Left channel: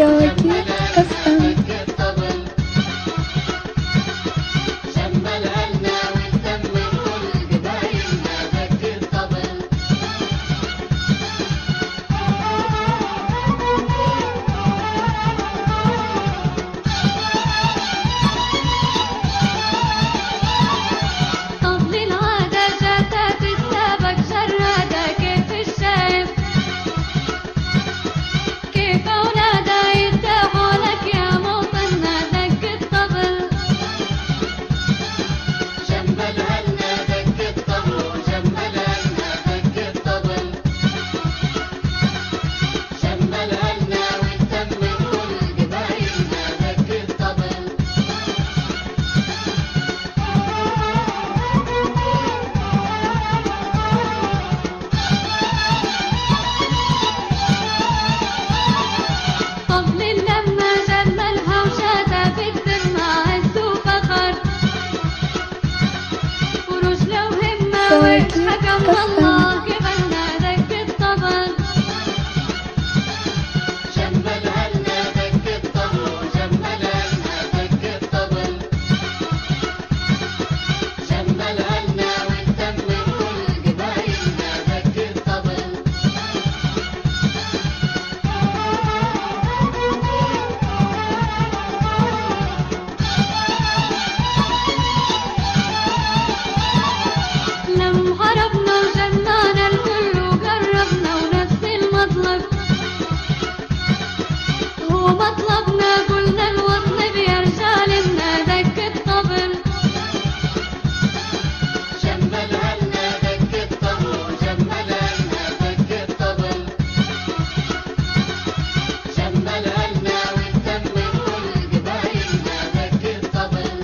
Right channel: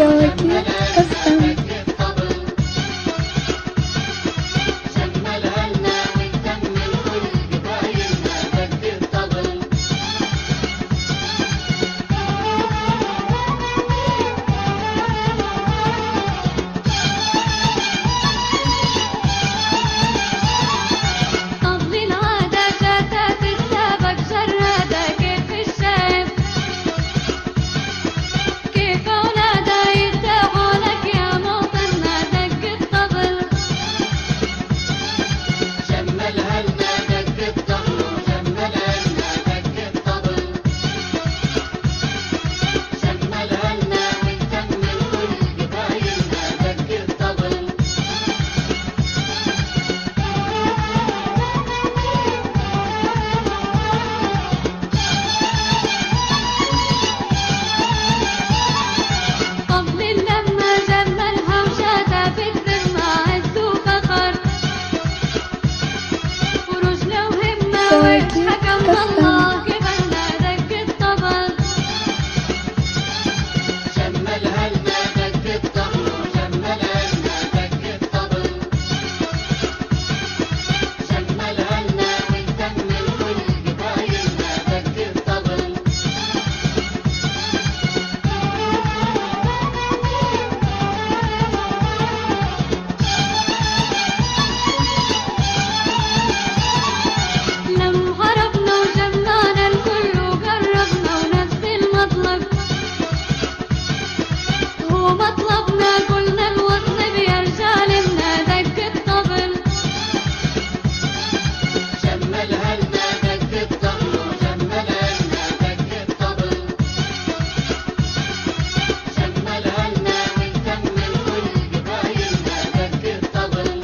كواكب FM. حكم الله قبلنا دق الطبل جملها لنا دق الطبل وجملها لنا دق الطبل جملها لنا ويتمم كل قبايلنا دق الطبل لم هربنا وجمعنا الكل وقربنا ونفس المطلب هو مطلبنا قلنا الوطن يا رجالنا دق الطبل جملها لنا دق الطبل وجملها لنا دق الطبل جملها لنا ويتمم كل قبايلنا دق الطبل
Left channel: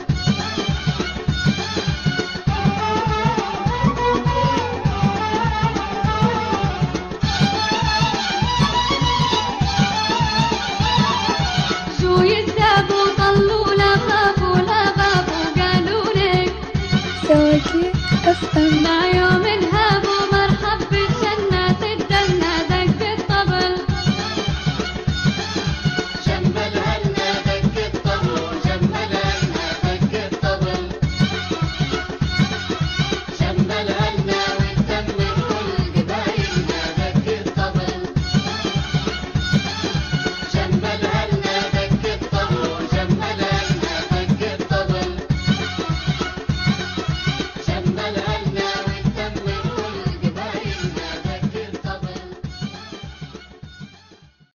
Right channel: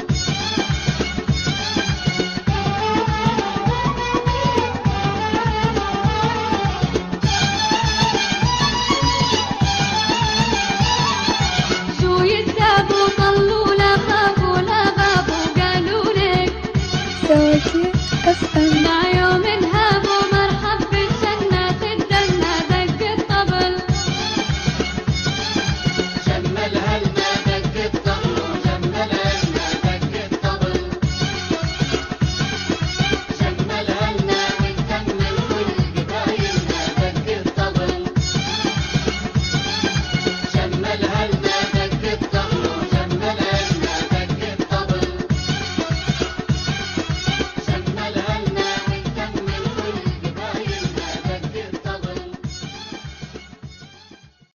شو يتابوا طلوا لا خافوا لا غابوا قالوا لك كواكب FM. مع يوم